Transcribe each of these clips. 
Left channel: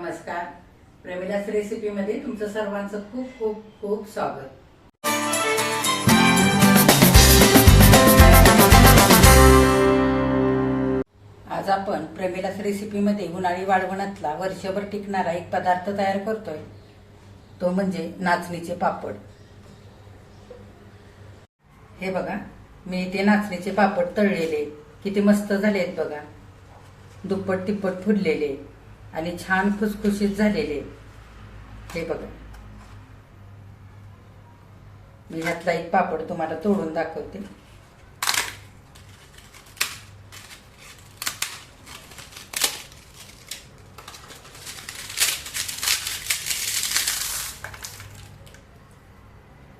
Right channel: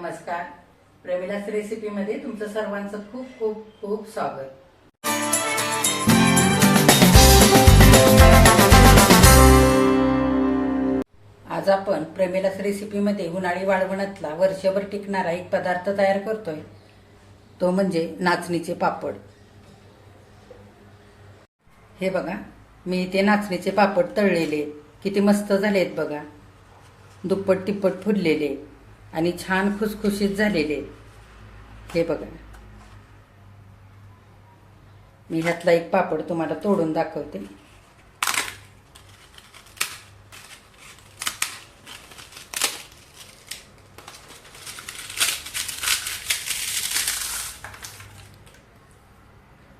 नमस्कार. प्रमिलास रेसिपीमध्ये तुमचं सर्वांचं खूप खूप खूप स्वागत. आज आपण प्रमिलास रेसिपीमध्ये उन्हाळी वाळवणातला वर्षभर टिकणारा एक पदार्थ तयार करतोय, तो म्हणजे नाचणीचे पापड. हे बघा, मी इथे नाचणीचे पापड तळलेले किती मस्त झालेत बघा. दुप्पट तिप्पट फुललेले आणि छान खुसखुशीत झालेले. हे बघा, मी ह्यातला एक पापड तुम्हाला तोडून दाखवते.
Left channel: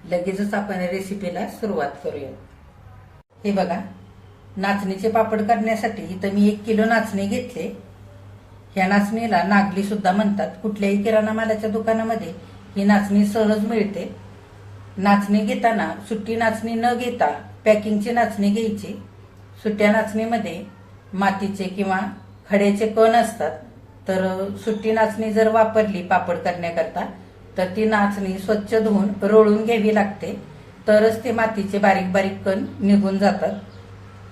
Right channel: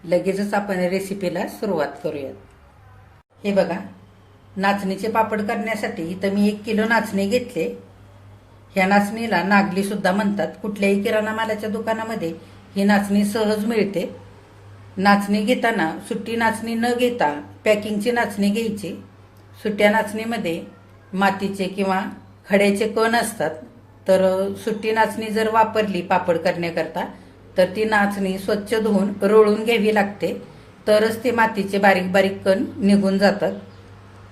लगेचच आपण रेसिपीला सुरुवात करूया. हे बघा, नाचणीचे पापड करण्यासाठी इथं मी 1 किलो नाचणी घेतले. ह्या नाचणीला नागली सुद्धा म्हणतात. कुठल्याही किराणा मालाच्या दुकानामध्ये ही नाचणी सहज मिळते. नाचणी घेताना सुट्टी नाचणी न घेता पॅकिंगची नाचणी घ्यायची. सुट्ट्या नाचणीमध्ये मातीचे किंवा खड्याचे कण असतात, तर सुट्टी नाचणी जर वापरली पापड करण्याकरता तर ती नाचणी स्वच्छ धुवून रोळून घ्यावी लागते, तरच ते मातीचे बारीक बारीक कण निघून जातात.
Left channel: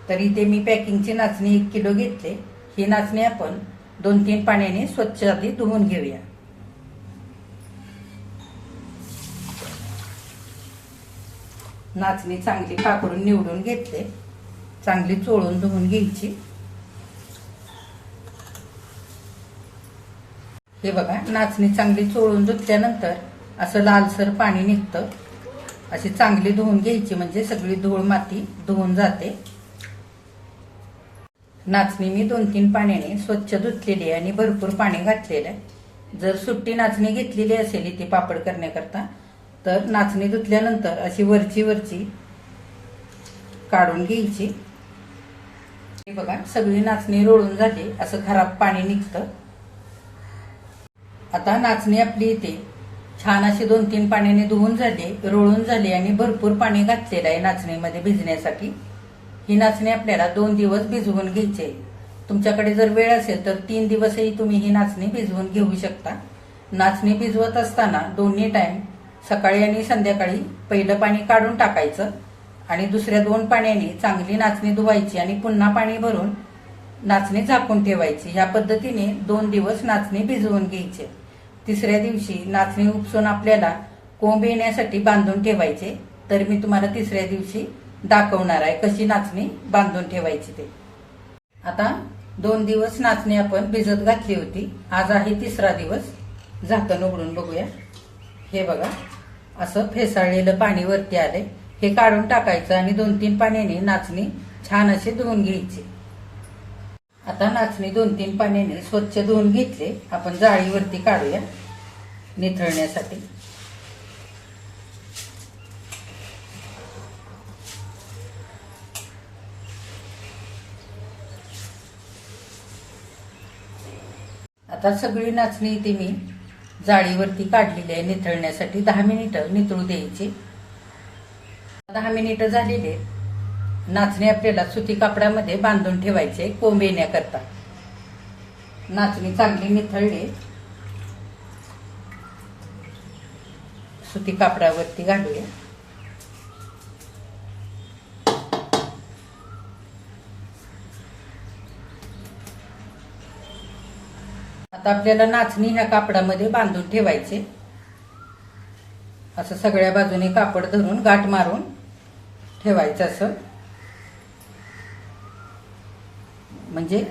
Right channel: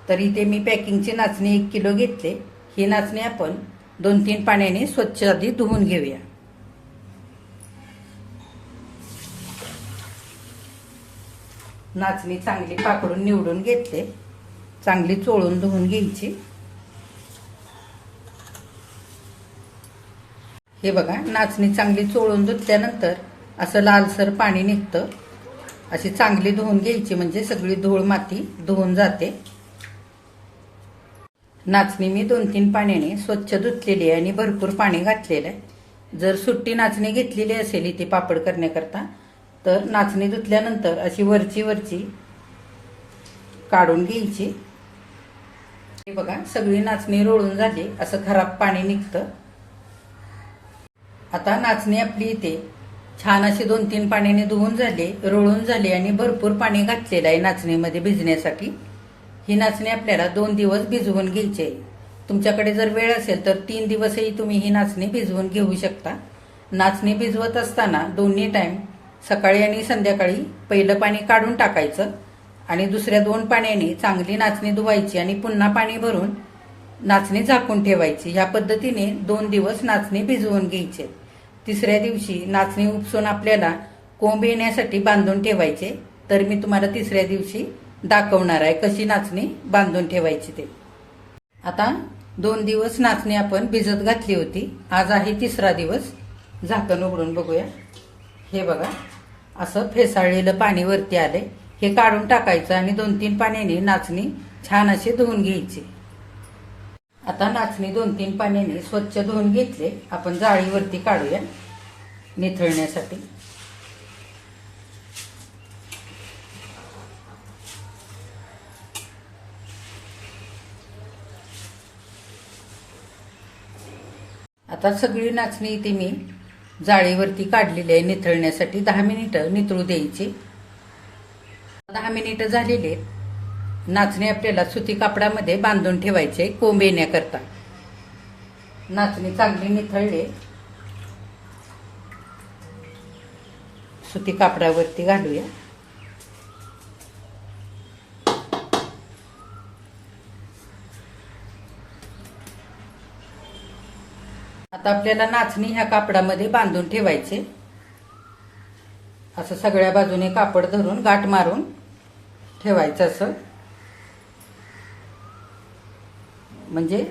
तर इथे मी पॅकिंगची नाचणी 1 किलो घेतले. ही नाचणी आपण 2-3 पाण्याने स्वच्छ आधी धुवून घेऊया. नाचणी चांगली पाकडून निवडून घेतले. चांगली चोळून धुवून घ्यायची. हे बघा, नाचणी चांगली चोळून धुतल्यानंतर असं लालसर पाणी निघतं. अशी चांगली धुवून घ्यायची, म्हणजे सगळी धूळ माती धुवून जाते. नाचणी मी 2-3 पाण्याने स्वच्छ धुतलेली आणि भरपूर पाणी घातलेलं आहे. जर सुट्टी नाचणी घेतलेली असेल इथे पापड करण्याकरता, तर नाचणी धुतल्यानंतर अशी वरची काढून घ्यायची. हे बघा, सगळी नाचणी रोळून झाली. असं खराब पाणी निघतं. आता नाचणी आपली इथे छान अशी 2-3 पाण्याने धुवून झाली, रोळून झाली आणि भरपूर पाणी घातलेलं आहे नाचणीमध्ये भिजण्यासाठी. ही नाचणी आपल्याला 2 दिवस भिजवून घ्यायची. तुमच्याकडे जर वेळ असेल तर 3 दिवसही तुम्ही ही नाचणी भिजवून घेऊ शकता. नाचणी भिजवत असताना दोन्ही टाइम, सकाळी आणि संध्याकाळी, पहिलं पाणी काढून टाकायचं आणि दुसऱ्या 2 पाण्याने चांगली नाचणी धुवायची आणि पुन्हा पाणी भरून नाचणी झाकून ठेवायची. ह्या पद्धतीने 2 दिवस नाचणी भिजवून घ्यायची. तिसऱ्या दिवशी नाचणी उपसून आपल्याला कोंब येण्यासाठी बांधून ठेवायचे. तर मी तुम्हाला तिसऱ्या दिवशी दाखवणार आहे कशी नाचणी बांधून ठेवायची ते. आता 2 दिवस नाचणी आपण भिजत घातली होती. आज आहे 3रा दिवस. झाकण उघडून बघूया. हे बघा, असं फेसाळलेलं पाणी वरती आले. हे काढून टाकायचं आणि 2-3 पाण्याने नाचणी छान अशी धुवून घ्यायची. आता नाचणी 2-3 पाण्याने स्वच्छ धुवून घेतले. आपण जाळीवरती काढूया निथळण्यासाठी. आता सगळी नाचणी इथे मी जाळीवरती काढलेली आहे निथळण्यासाठी. 10 मिनिटं निथळू द्यायची. 10 मिनिटं झालेली. नाचणी आपल्याला सुती कापडामध्ये बांधून ठेवायचे कोंब येण्याकरता. नाचणी चांगली निथळली. सुती कापडावरती घालूया. आता आपल्याला नाचणी ह्या कापडामध्ये बांधून ठेवायचे. असं सगळ्या बाजूने कापड धरून गाठ मारून ठेवायचं, असं म्हणजे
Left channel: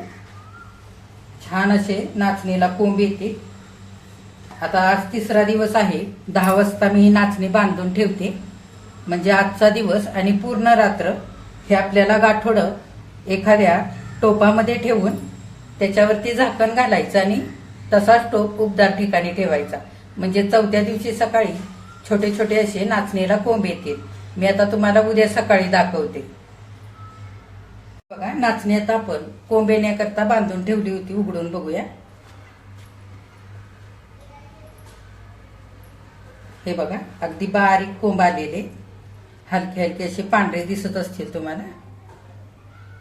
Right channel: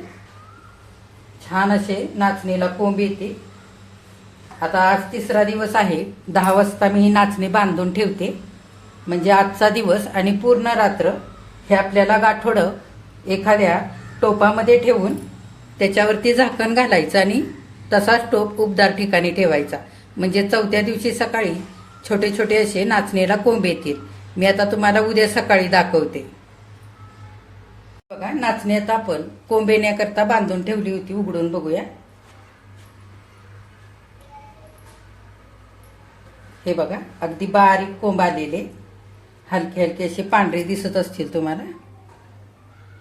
छान असे नाचणीला कोंब येते. आता आज 3रा दिवस आहे. 10 वाजता मी ही नाचणी बांधून ठेवते, म्हणजे आजचा दिवस आणि पूर्ण रात्र हे आपल्याला गाठोडं एखाद्या टोपामध्ये ठेवून त्याच्यावरती झाकण घालायचं आणि तसाच टोप उबदार ठिकाणी ठेवायचा. म्हणजे 4थ्या दिवशी सकाळी छोटे छोटे असे नाचणीला कोंब येतील. मी आता तुम्हाला उद्या सकाळी दाखवते. बघा, नाचणी आता आपण कोंब येण्याकरता बांधून ठेवली होती. उघडून बघूया. हे बघा, अगदी बारीक कोंब आलेले, हलके हलके असे पांढरे दिसत असतील तुम्हाला.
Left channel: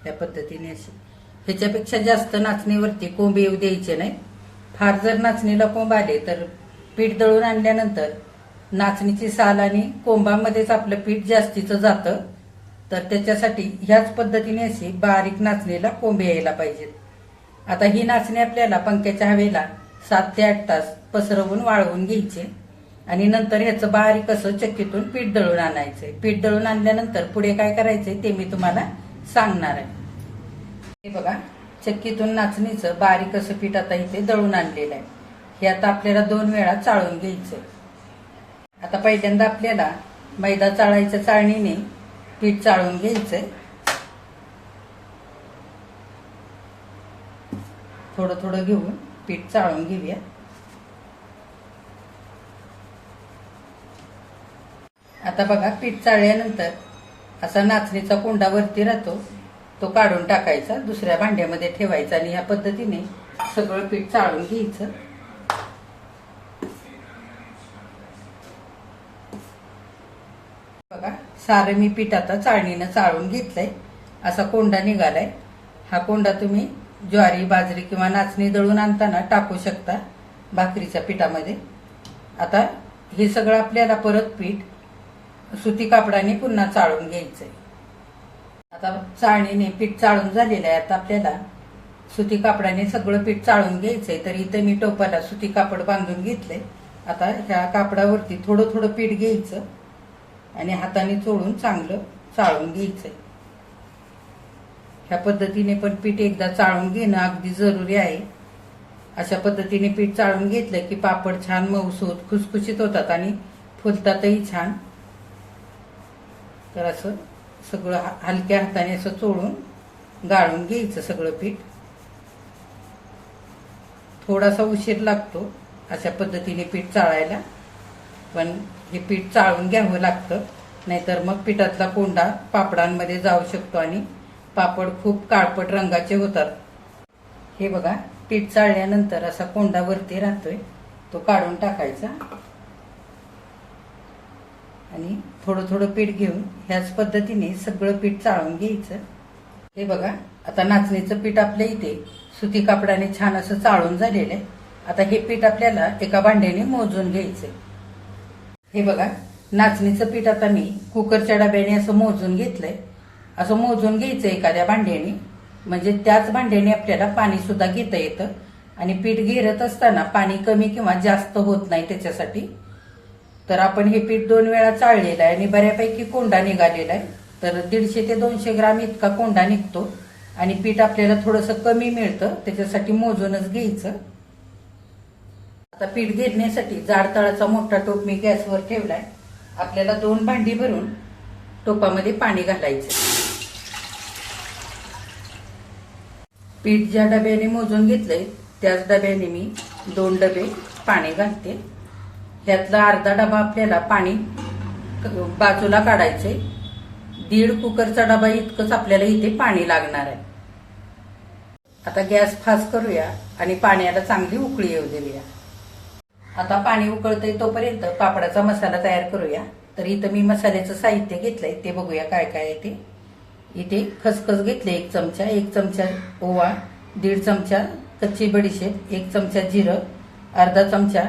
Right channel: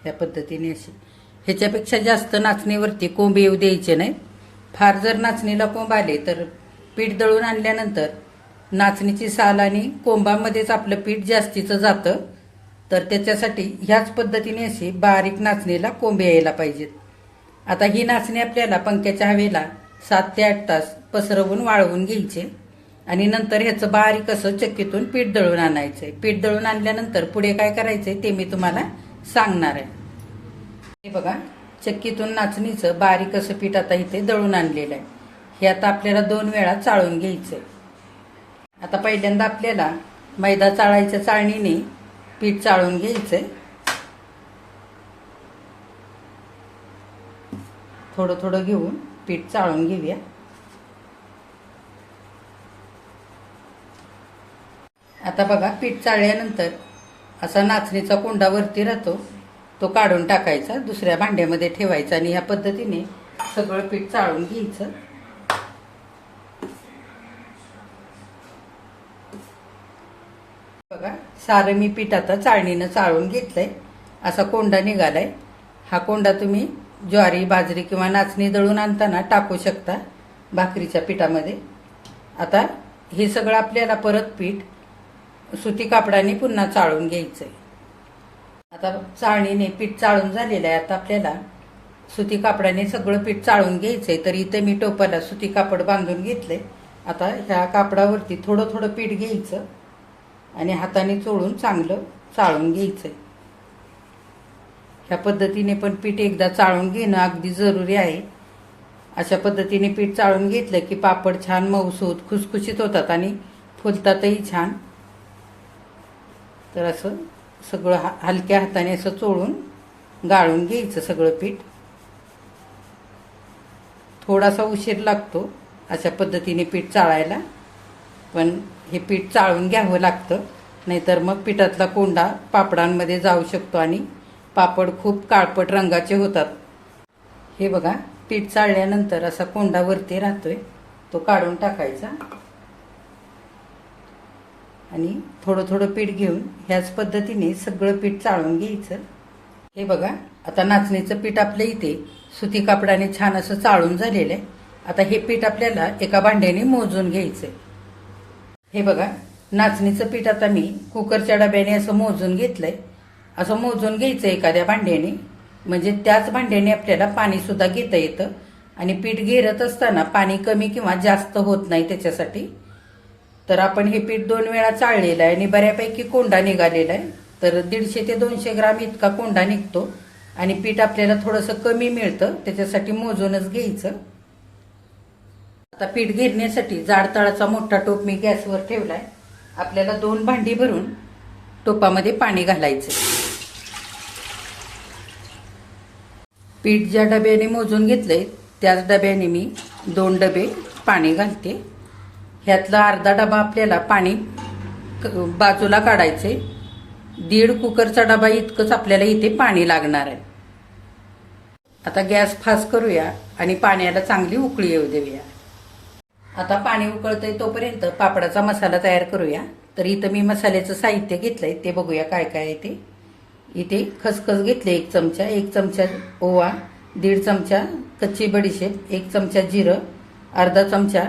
या पद्धतीने अशी ह्याच्यापेक्षा जास्त नाचणीवरती कोंब येऊ द्यायचे नाही. फार जर नाचणीला कोंब आले तर पीठ दळून आणल्यानंतर नाचणीची साल आणि कोंबामध्येच आपलं पीठ जास्तीचं जातं. तर त्याच्यासाठी ह्याच पद्धतीने अशी बारीक नाचणीला कोंब यायला पाहिजेत. आता ही नाचणी आपल्याला पंख्याच्या हवेला 7 ते 8 तास पसरवून वाळवून घ्यायचे आणि नंतर ह्याचं बारीक असं चक्कीतून पीठ दळून आणायचंय. पीठ दळून आणल्यानंतर पुढे काय करायचंय ते मी तुम्हाला सांगणार आहे. हे बघा, चक्कीतून नाचणीचं बारीक असं पीठ आता इथे दळून आणलेलं आहे. हे आता आपल्याला 2 वेळा चाळून घ्यायचंय. आता पहिल्यांदा आपल्याला मैदा चाळायच्या चाळणीने पीठ चाळून घ्यायचंय. थोडं थोडं घेऊन पीठ चाळून घेऊया. आता बघा, पीठ चाळल्यानंतर असा नाचणीचा कोंडा वरती राहतो, तो काढून टाकायचा, दुसऱ्या भांड्यामध्ये ठेवायचा आणि ह्या पद्धतीने सगळं पीठ चाळून घ्यायचं. बघा, सारं मी पीठ आता चाळणीनं चाळून घेतलंय. असा कोंडा निघालाय. हा कोंडा तुम्ही ज्वारी, बाजरी किंवा नाचणी दळून आणताना टाकू शकता भाकरीच्या पिठामध्ये. आता हे सगळं आपल्याला परत पीठ सुती कापडाने पुन्हा चाळून घ्यायचंय. आता चाळणीने पीठ चाळून झालेलं आहे. आता आपल्याला सुती कापडाने सगळं पीठ चाळून घ्यायचंय. तर इथे मी टोपाला सुती कापड बांधून घेतलंय. आता ह्या कापडावरती थोडं थोडं पीठ घ्यायचं आणि हाताने चोळून चांगलं चाळून घ्यायचंय. ह्या पद्धतीने पण पीठ एकदा चाळून घेणं अगदी जरुरी आहे. अशा पद्धतीने पीठ चाळून घेतलं की पापड छान मऊसूत खुसखुशीत होतात आणि फुलतातही छान. तर असं सगळं हलक्या हाताने असं चोळून गाळून घ्यायचं सगळं पीठ. थोडासा उशीर लागतो अशा पद्धतीने पीठ चाळायला, पण हे पीठ चाळून घ्यावं लागतं, नाहीतर मग पिठातला कोंडा पापडांमध्ये जाऊ शकतो आणि पापड खूप काळपट रंगाचे होतात. हे बघा, पीठ चाळल्यानंतर असा कोंडा वरती राहतोय, तो काढून टाकायचा आणि थोडं थोडं पीठ घेऊन ह्याच पद्धतीने सगळं पीठ चाळून घ्यायचं. हे बघा, आता नाचणीचं पीठ आपल्या इथे सुती कापडाने छान असं चाळून झालेलं आहे. आता हे पीठ आपल्याला एका भांड्याने मोजून घ्यायचंय. हे बघा, नाचणीचं पीठ आता मी कुकरच्या डब्याने असं मोजून घेतलंय. असं मोजून घ्यायचं एखाद्या भांड्याने, म्हणजे त्याच भांड्याने आपल्याला पाणी सुद्धा घेता येतं आणि पीठ गिरत असताना पाणी कमी किंवा जास्त होत नाही त्याच्यासाठी. तर आपण हे पीठ 2 वेळा चाळलेलं आहे आणि बऱ्यापैकी कोंडा निघालेला आहे. तर 150 ते 200 ग्राम इतका कोंडा निघतो आणि पीठ आपल्याला थोडंसं कमी मिळतं, त्याच्यासाठी मोजूनच घ्यायचं. आता पीठ गिरण्यासाठी जाड तळाचा मोठा टोप मी गॅसवर ठेवलाय. आपल्याला 2 भांडी भरून टोपामध्ये पाणी घालायचं. पीठ ज्या डब्याने मोजून घेतलंय त्याच डब्याने मी 2 डबे पाणी घालते. ह्यातला अर्धा डबा आपल्याला पाणी बाजूला काढायचे. 1.5 कुकरचा डबा इतकंच आपल्याला इथे पाणी लागणार आहे. आता गॅस फास्ट करूया आणि पाण्याला चांगली उकळी येऊ देऊया. आता पाणी उकळतंय तोपर्यंत पापडाचा मसाला तयार करूया. तर इथं मी मसाल्याचं साहित्य घेतलंय, ते बघूया काय काय आहे ते. इथे खसखस घेतले 1 चमचा, 1 चमचा ओवा, 1.5 चमचा कच्ची बडीशेप, 1 चमचा जिरं, अर्धा चमचा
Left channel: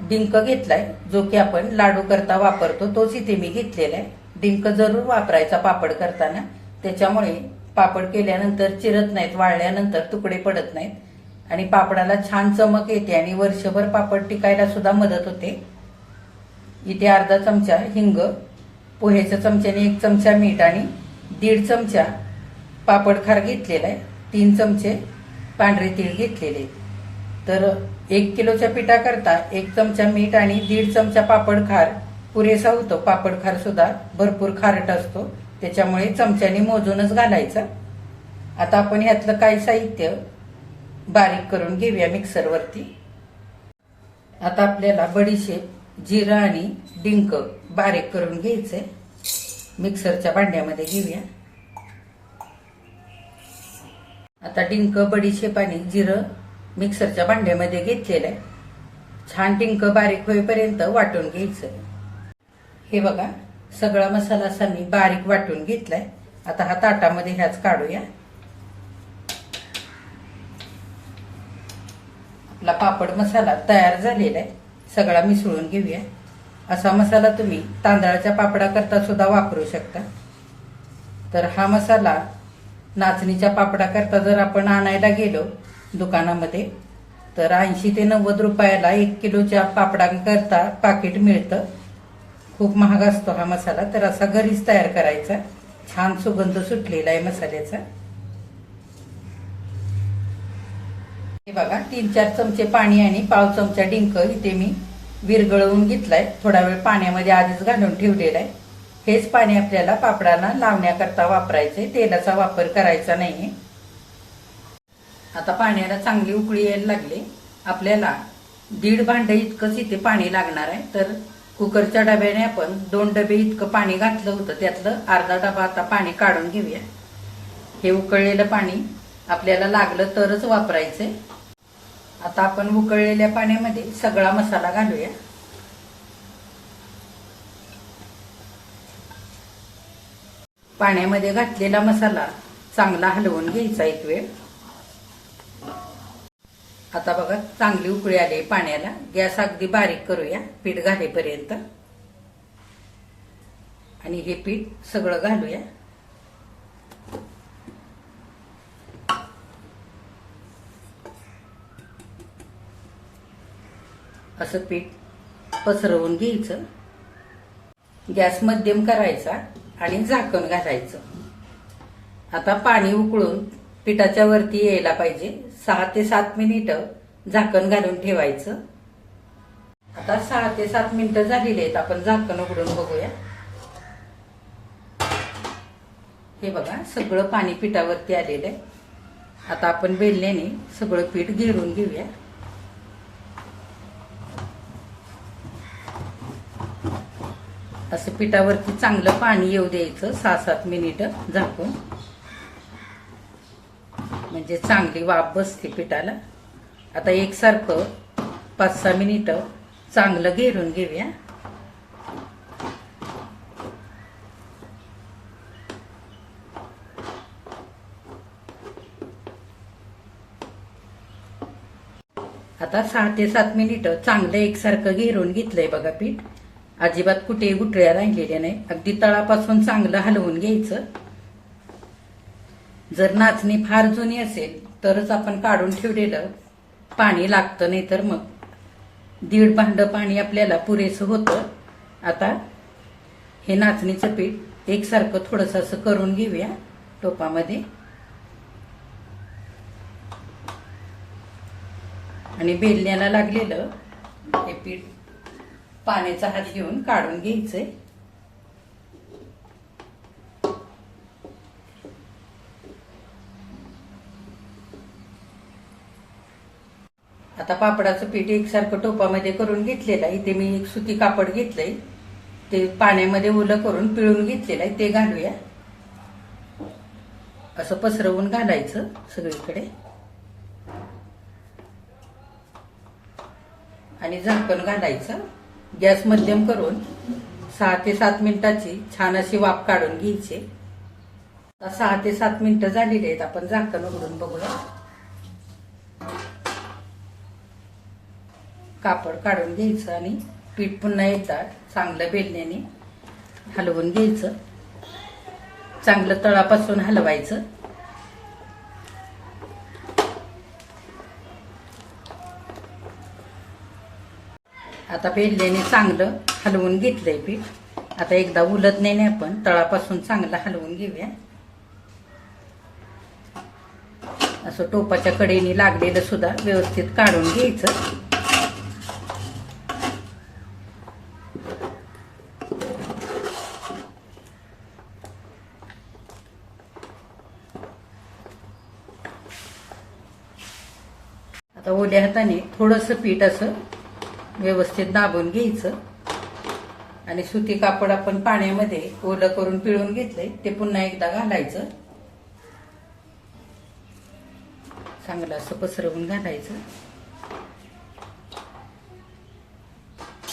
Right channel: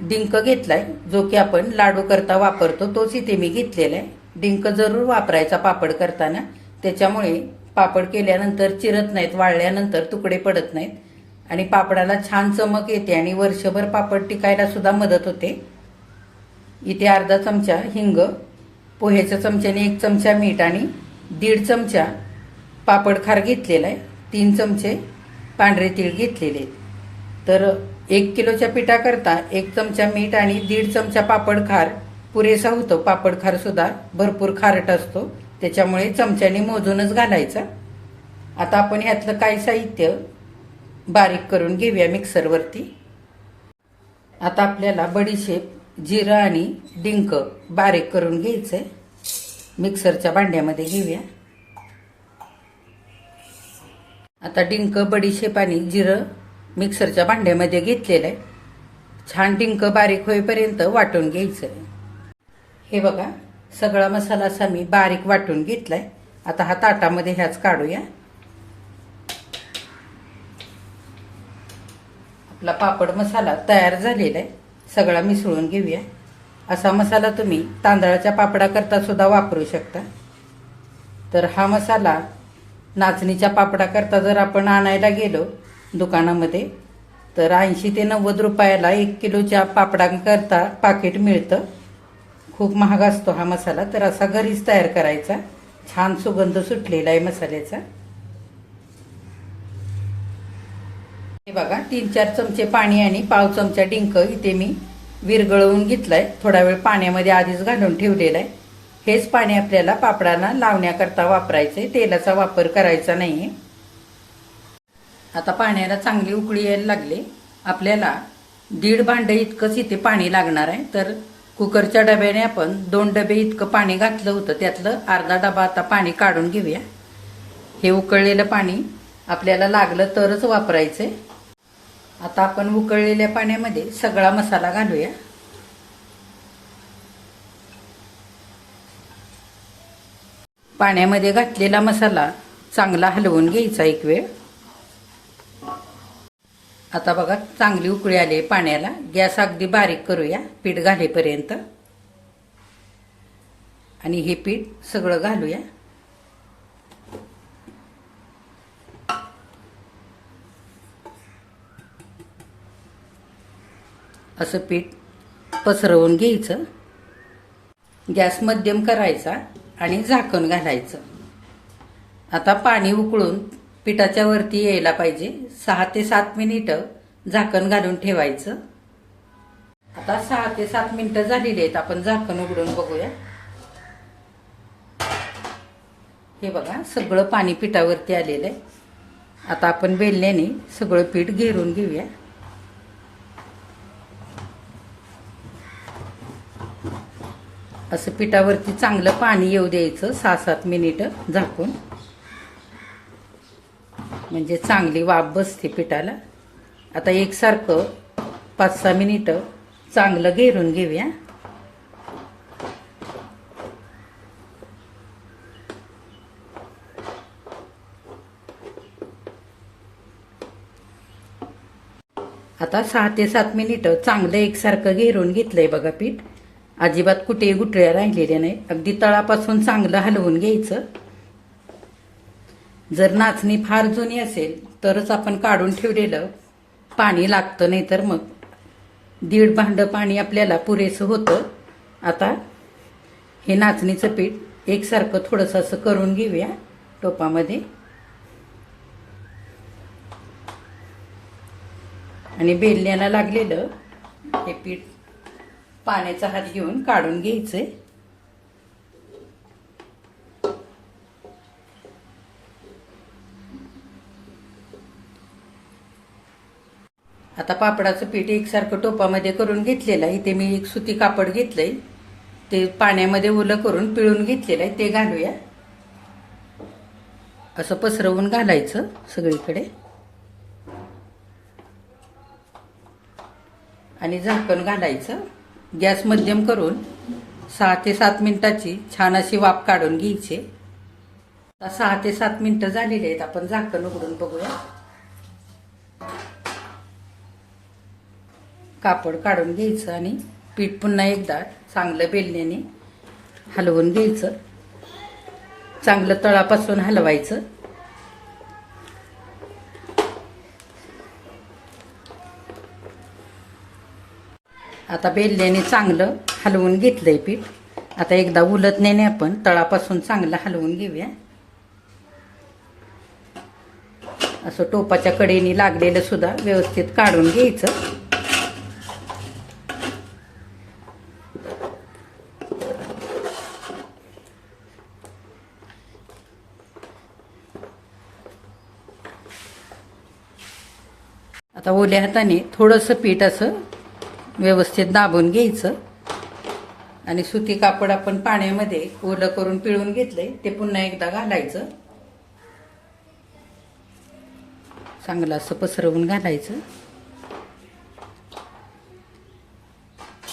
डिंक घेतलाय, जो की आपण लाडू करता वापरतो तोच इथे मी घेतलेला आहे. डिंक जरूर वापरायचा पापड करताना, त्याच्यामुळे पापड केल्यानंतर चिरत नाहीत, वाळल्यानंतर तुकडे पडत नाहीत आणि पापडाला छान चमक येते आणि वर्षभर पापड टिकायला सुद्धा मदत होते. इथे अर्धा चमचा हिंग, पोह्याच्या चमच्याने 1 चमचा मीठ आणि 1.5 चमचा पापड खार घेतलेला आहे. 3 चमचे पांढरे तीळ घेतलेले. तर 1 किलोच्या पिठाकरता 1 चमचा मीठ आणि 1.5 चमचा पापड खार पुरेसा होतो. पापड खार सुद्धा भरपूर खारट असतो, त्याच्यामुळे चमच्याने मोजूनच घालायचा. आता आपण ह्यातलं काही साहित्य बारीक करून घेऊया मिक्सरवरती. आता आपल्याला बडीशेप, जिरं आणि डिंक बारीक करून घ्यायचंय. मिक्सरच्या भांड्यामध्ये घेऊया. आता डिंक, बडीशेप आणि जिरं मिक्सरच्या भांड्यामध्ये घेतलेलं आहे. छान डिंक बारीक होईपर्यंत वाटून घ्यायचं. हे बघा, सगळा मसाला असा मी बारीक वाटून घेतलाय. आता हा ताटामध्ये ह्याच काढूया. आपला पापड मसाला तयार झालेला आहे. सगळा मिसळून घेऊया. असा मसाला तुम्ही तांदळाच्या पापडाकरता सुद्धा वापरू शकता. तर हा मसाला नाचणीच्या पापडाकरता जर आपण आणायला गेलो दुकानामध्ये तर 80 ते 90 रुपयाला 1 किलोच्या पापडांकरता पाकिट मिळतं. खूप महाग असतो हा मसाला. तर असा घरीच तयार करायचा. छान सुगंध सुटलेला आहे मसाल्याचा. हे बघा 3-4 चमचे पाणी आणि पाव चमचा डिंक इथे मी विरघळवून घेतलाय. थोडा वेळ पाण्यामध्ये आधीच घालून ठेवलेला आहे. हेच पाणी आपल्याला पापडांना लावण्याकरता वापरायचंय. तेलाचा वापर करायचा नाहीये. आता पाण्याला चांगली उकळी यायला लागली. आपल्याला 1.5 भांड इतकंच इथे पाणी लागणार आहे. तर कुकरच्या डब्याने आपण 2 डबे इतकं पाणी घातलं होतं. त्यातलं अर्धा डबा आता पाणी काढून घेऊया. हे उकळलेलं पाणी आपल्याला लागलं तरच वापरायचंय. आता आपण उकळलेल्या पाण्यामध्ये सगळा मसाला घालूया. पाण्यामध्ये घातलेला मसाला चांगला हलवून घ्यायचा एक वेळ. आता बघा चांगली उकळी आली पाण्याला. गॅस अगदी बारीक करूया पीठ घालेपर्यंत. आणि हे पीठ सगळं घालूया. असं पीठ पसरवून घ्यायचं. गॅस मध्यम करायचा आणि झाकण घालायचं. आता पाणी उकळून पिठाच्या वरती यायला पाहिजे. 6 ते 7 मिनिटं झाकण घालून ठेवायचं. आता 6 ते 7 मिनिटं झालेली आहेत. आपण झाकण उघडून बघूया. हे बघा सगळं पाणी पिठावरती आलेलं आहे. आता आपण बेलण्याने सगळं पीठ घेरून घेऊया. असं पिठावरती चांगलं पाणी येऊ द्यायचं 6-7 मिनिटं झाकून. म्हणजे चांगली वाफ बसते पिठाला. आता एकसारखं 5-6 मिनिटं चांगलं घेरून घेऊया. आता 6 ते 7 मिनिटं चांगलं एकसारखं घेरून घेतलंय बघा पीठ. अजिबात कुठे गुठळ्या राहिलेल्या नाही. अगदी तळापासून चांगलं हलवून घ्यायचं. जर नाचणी फार जुनी असेल तरच आपण काढून ठेवलेलं पाणी लागतं. नाही तर मग 1.5 भांड पाणी आपल्याला पुरेसं होतं. आता हे नाचणीचं पीठ एकसारखं थोडंसं असं करून घेऊया टोपामध्ये. आणि बेलण्याला लागलेलं हे पीठ पाण्याचा हात घेऊन काढून घ्यायचंय. आता पापडाचं पीठ एकसारखं टोपामध्ये करून घेतलेलं आहे. इथे मी एक सुती कापड घेतलंय. ते पाण्यामध्ये ओलं करून पिळून घेतलेलं आहे. ते घालूया. असं पसरवून घालायचं सगळीकडे. आणि झाकण घालायचं. गॅस मध्यम करून 6 ते 7 मिनिटाची छान अशी वाफ काढून घ्यायची. 6 ते 7 मिनिटं झालेली आहेत. आपण झाकण उघडून बघूया. कापड काढून घ्यायचं आणि पीठ पुन्हा एकदा चांगलं बेलण्याने हलवून घ्यायचं. चांगलं तळापासून हलवायचं. आता बेलण्याने चांगलं हलवून घेतलंय पीठ. आता एकदा उलटण्याने आपण तळापासून चांगलं हलवून घेऊया. असं टोपाच्या कडेने लागलेलं सुद्धा व्यवस्थित काढून घ्यायचं. आता ओल्या हाताने थोडंसं पीठ असं व्यवस्थित दाबून घ्यायचं. आणि सुती कापड आपण पाण्यामध्ये ओलं करून पिळून घेतलंय ते पुन्हा एकदा घालायचं. चांगलं असं पसरवून घालायचं.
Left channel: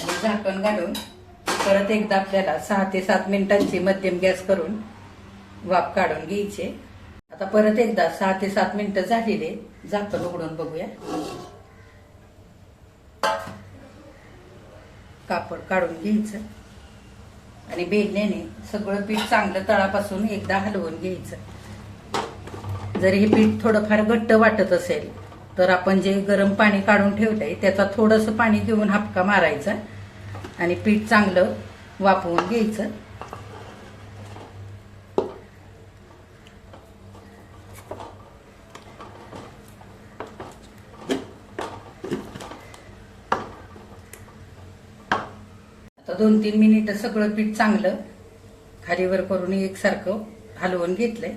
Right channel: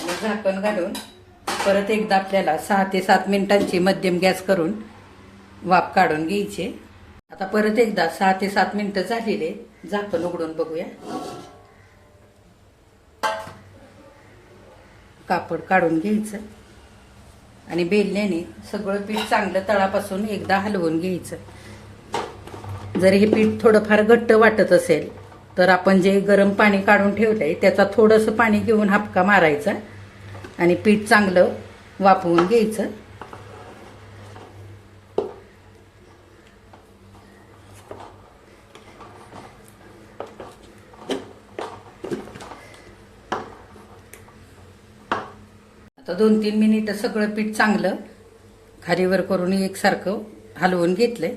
आणि झाकण घालून परत एकदा आपल्याला 6 ते 7 मिनिटांची मध्यम गॅस करून वाफ काढून घ्यायची. आता परत एकदा 6 ते 7 मिनिटं झालेले झाकण उघडून बघूया. कापड काढून घ्यायचं आणि बेलण्याने सगळं पीठ चांगलं तळापासून एकदा हलवून घ्यायचं. जर हे पीठ थोडंफार घट्ट वाटत असेल तर आपण जे गरम पाणी काढून ठेवलंय त्याचा थोडंसं पाणी घेऊन हापका मारायचा आणि पीठ चांगलं वाफवून घ्यायचं. आता 2-3 मिनिटं सगळं पीठ चांगलं खालीवर करून एकसारखं हलवून घेतलंय.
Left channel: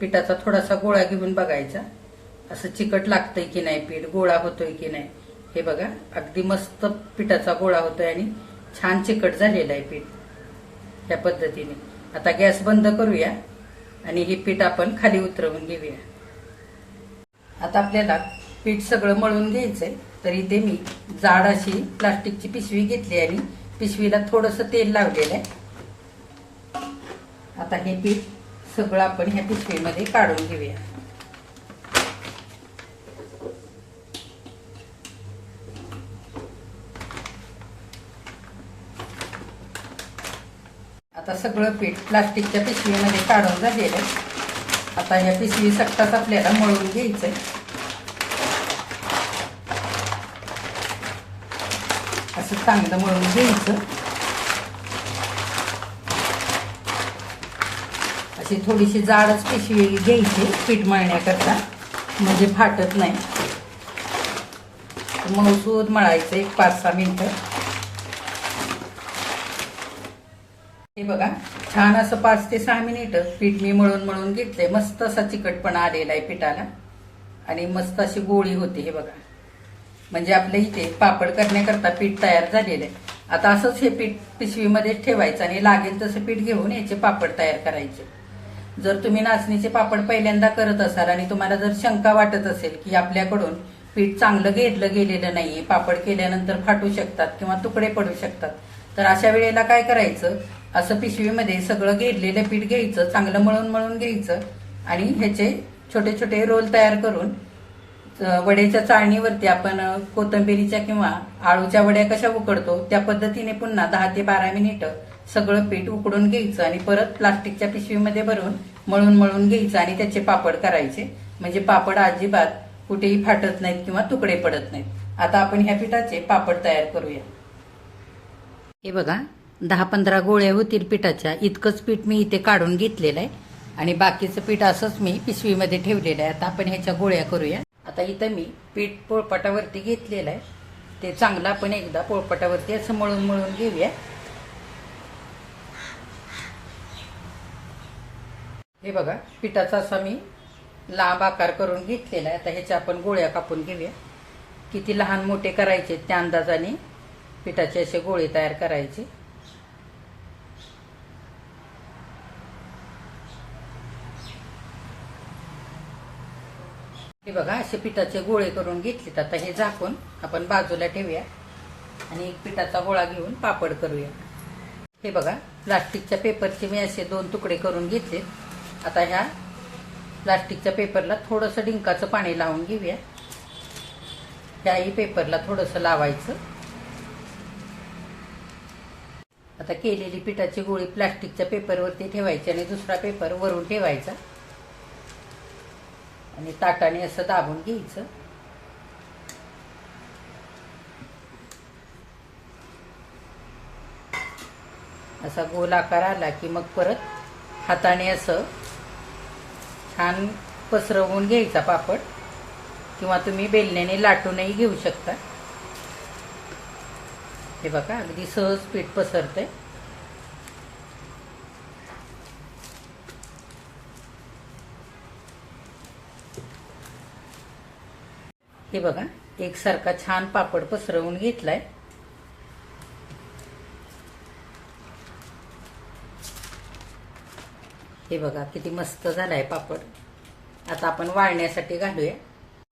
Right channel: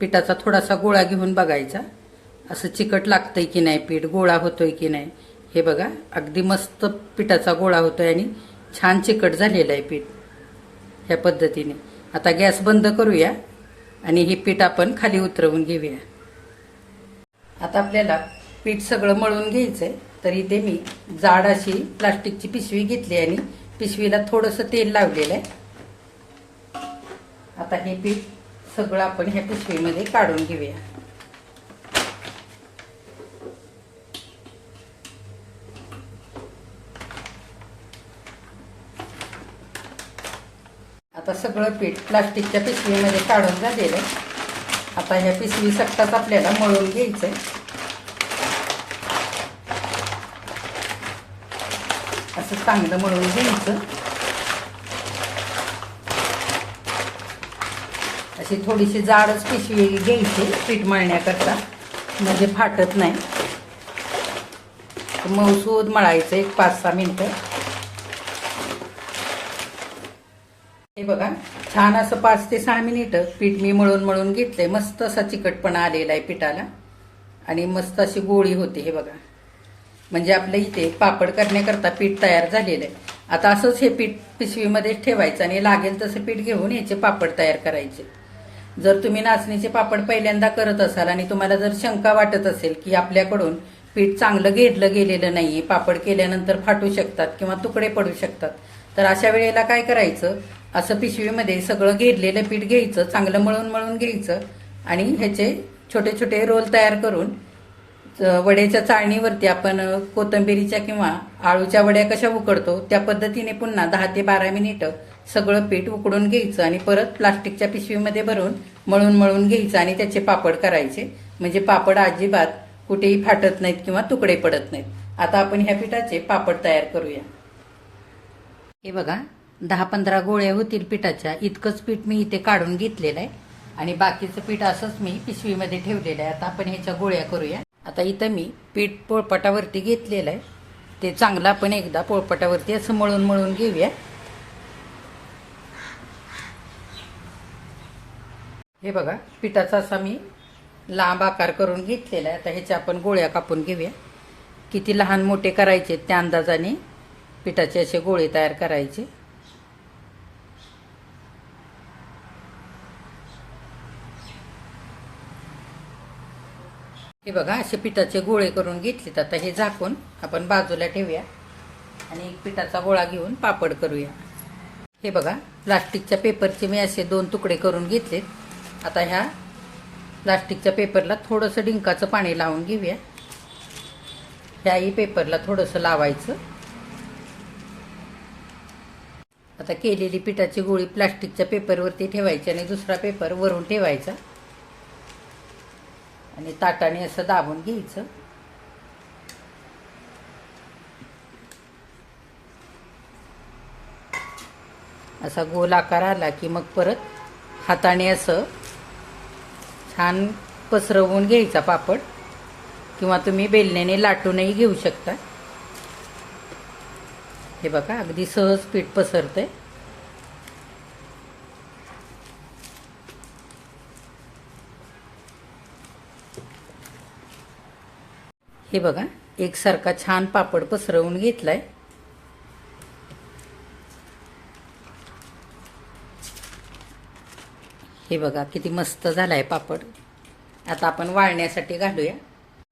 पिठाचा थोडासा गोळा घेऊन बघायचा, असं चिकट लागतंय की नाही, पीठ गोळा होतोय की नाही. हे बघा, अगदी मस्त पिठाचा गोळा होतोय आणि छान चिकट झालेलं आहे पीठ. ह्या पद्धतीने आता गॅस बंद करूया आणि हे पीठ आपण खाली उतरवून घेऊया. आता आपल्याला पीठ सगळं मळून घ्यायचंय. तर इथे मी जाड अशी प्लास्टिकची पिशवी घेतली आणि पिशवीला थोडंसं तेल लावलेलं आहे. आता हे पीठ सगळं आपण ह्या पिशवीमध्ये काढून घेऊया. आता सगळं पीठ प्लास्टिकच्या पिशवीमध्ये काढून झालेलं आहे. आता ह्या पिशवी सकटाच आपल्याला मळून घ्यायचंय. असं चांगलं मळून घ्यायचं. अशी थोडीशी जाडच पिशवी घ्यायची पीठ मळण्याकरता, म्हणजे फाटत नाही. मऊसूद मळायचं 1-5-6 मिनिटं. हे बघा, छान असं 5 ते 6 मिनिटं पीठ मी मळून घेतलंय. मस्त असा चिकटपणा आलेला आहे पिठाला आणि मस्त अशी गोळी होते. हे बघा, म्हणजे आपल्या इथे पापड करण्याकरता पीठ तयार झालेलं आहे. आता असंच हे पीठ पिशवीमध्ये ठेवायचं आणि लागेल तसं पीठ घेऊन याचे पापड तयार करायचे. जर तुम्ही नाचणीचे पापड पहिल्यांदा करत असाल आणि तुम्हाला जर शंका वाटत असेल की आपल्याकडून पीठ चांगलं घेरलं गेलेलं नाही, पापड केल्यानंतर फाटू शकतात किंवा तुकडे पडू शकतात, तर अशा वेळेला काय करायचं, असं पिशवीमध्ये सगळं घेरलेलं पीठ घ्यायचं, चांगलं मळून घ्यायचं आणि ह्याचे छोटे छोटे रोल तयार करून वड्याच्या चाळणीवरती आपण कोथिंबीरीच्या किंवा आळूच्या वड्या कशा उकडतो त्या पद्धतीने पुन्हा 10 ते 12 मिनिटं सगळं पीठ उकडून घ्यायचं आणि परत प्लास्टिकच्या पिशवीमध्ये भरून मळून घ्यायचं आणि त्याचे पापड करायचे. म्हणजे पापड अजिबात कुठेही फाटत नाहीत किंवा तुकडे पडत नाहीत. आता आपण ह्या पिठाचे पापड तयार करूया. हे बघा, 10-15 गोळ्या होतील पिठाच्या, इतकंच पीठ मी इथे काढून घेतलेलं आहे आणि बाकीचं पीठ असंच मी पिशवीमध्ये ठेवलेलं आहे. आता आपण ह्याच्या गोळ्या करूया. आता इथं मी पीठ पोळपाटावरती घेतलेलं आहे. ते चांगलं आपण एकदा पोळपाटावरती असं मळून घेऊया. हे बघा, पिठाचा असा मी लांब आकार करून घेतलेला आहे. आता ह्याच्या आपण गोळ्या कापून घेऊया. किती लहान मोठे करायचे त्या अंदाजाने पिठाचे असे गोळे तयार करायचे. हे बघा, असे पिठाचे गोळे करून घेतलेत. आता हे झाकून आपण बाजूला ठेवूया आणि एक पिठाचा गोळा घेऊन पापड करूया. हे बघा, प्लास्टिकच्या पेपरचे मी असे 2 तुकडे करून घेतलेत. आता ह्या प्लास्टिकच्या पेपरला थोडंसं डिंकाचं पाणी लावून घेऊया. ह्याही पेपरला थोडंसं लावायचं. आता केलेली पिठाची गोळी प्लास्टिकच्या पेपरवरती ठेवायची आणि दुसरा पेपर वरून ठेवायचा आणि ताटाने असं दाबून घ्यायचं. असा गोल आकार आला की मग परत हाताने असं छान पसरवून घ्यायचा पापड, किंवा तुम्ही बेलण्याने लाटूनही घेऊ शकता. हे बघा, अगदी सहज पीठ पसरतंय. हे बघा, एकसारखा छान पापड पसरवून घेतलाय. हे बघा, किती मस्त झालाय पापड. आता आपण वाळण्यासाठी घालूया.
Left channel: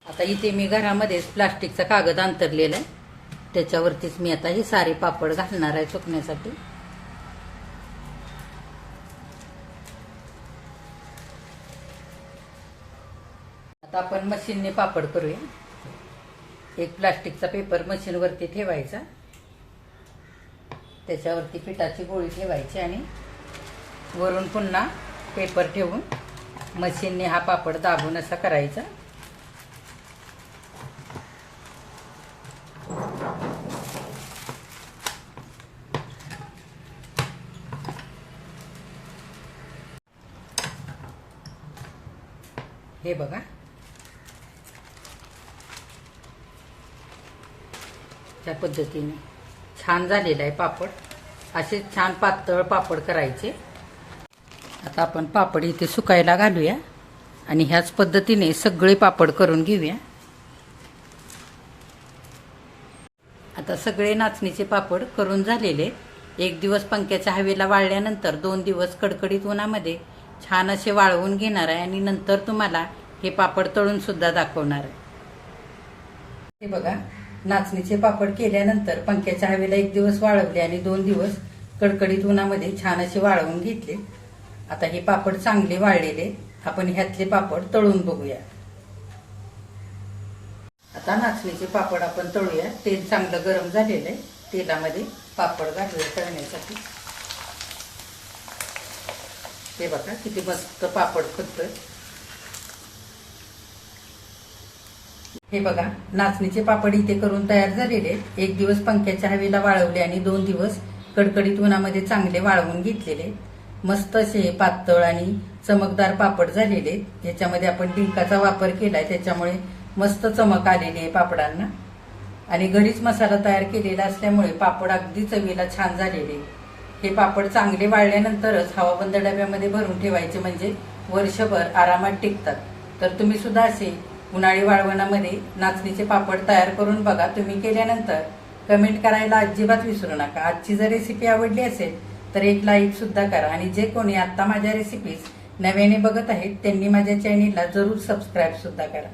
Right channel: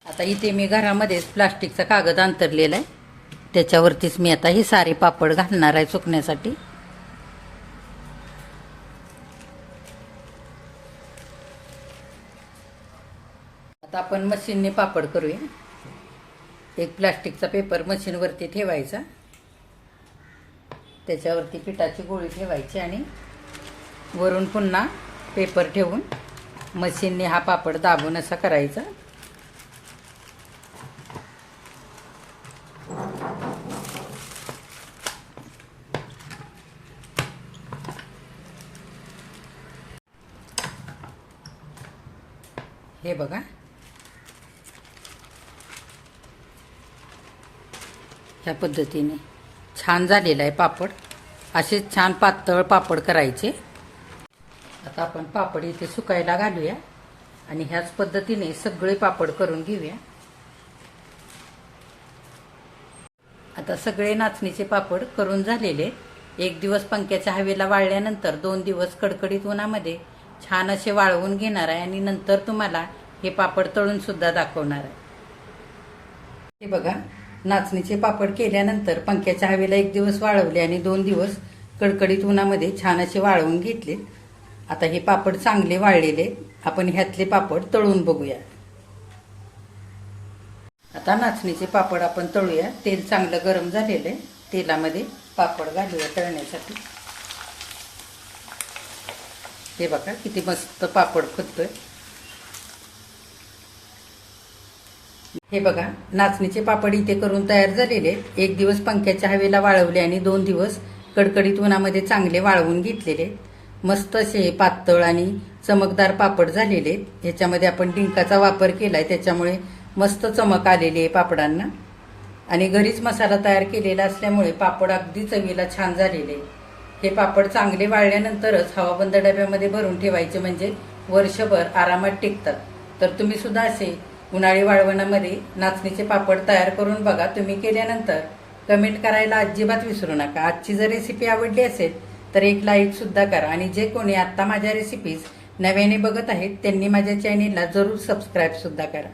आता इथे मी घरामध्येच प्लास्टिकचा कागद अंतरलेला आहे, त्याच्यावरतीच मी आता ही सारी पापड घालणार आहे सुकण्यासाठी. आता आपण मशीनने पापड करूया. एक प्लास्टिकचा पेपर मशीनवरती ठेवायचा त्याच्यावरती पिठाची गोळी ठेवायची आणि वरून पुन्हा पेपर ठेवून मशीनने हा पापड दाबून असा करायचा. हे बघा, त्या पद्धतीने छान झालेला आहे पापड. असे छान पातळ पापड करायचे. आता आपण पापड इथे सुकायला घालूया आणि ह्याच पद्धतीने सगळे पापड करून घेऊया. आता सगळे नाचणीचे पापड करून झालेले. एक दिवस पंख्याच्या हवेला वाळल्यानंतर 2 दिवस कडकडीत उन्हामध्ये छान असे वाळवून घेणार आहे आणि नंतर तुम्हाला हे पापड तळून सुद्धा दाखवणार आहे. हे बघा, नाचणीचे पापड केल्यानंतर पंख्याच्या हवेला 1 दिवस वाळवले आणि 2 दिवस कडकडीत उन्हामध्ये छान असे वाळवून घेतले. आता हे पापड चांगले वाळलेले. आपण ह्यातले पापड तळून बघूया. आता नाचणीचे पापड आपण तळूया. तेल चांगलं गरम झालेलं आहे. तेलामध्ये पापड घालूया तळण्यासाठी. हे बघा किती मस्त पापड फुटतोय. हे बघा, नाचणीचे पापड इथे करून तयार झालेले. 1 दिवस पंख्याच्या हवेला वाळवले आणि 2 दिवस कडकडीत उन्हामध्ये चांगले वाळवून घेतलेले. मस्त असे पातळ आणि चमकदार पापड झालेले. ह्याच्यामध्ये आपण डिंकाचा वापर केलाय, त्याच्यामुळे मस्त चमक आलेली आहे पापडांना. आणि घरीच मसाला तयार केलेला असल्यामुळे पापड अगदी चवीला छान झालेले. हे पापड चांगले वाळल्यानंतरच हवाबंद डब्यामध्ये भरून ठेवायचे, म्हणजे वर्षभर आरामात टिकतात. तर तुम्ही सुद्धा असे उन्हाळी वाळवणामध्ये नाचणीचे पापड तयार करून बघा. तुम्ही केल्यानंतर कमेंट करायला अजिबात विसरू नका. आजची जर रेसिपी आवडली असेल तर एक लाईक सुद्धा करा. आणि जे कोणी आता माझ्या रेसिपीज नव्याने बघत आहेत त्यांनी माझ्या चॅनेलला जरूर सबस्क्राईब सुद्धा करा.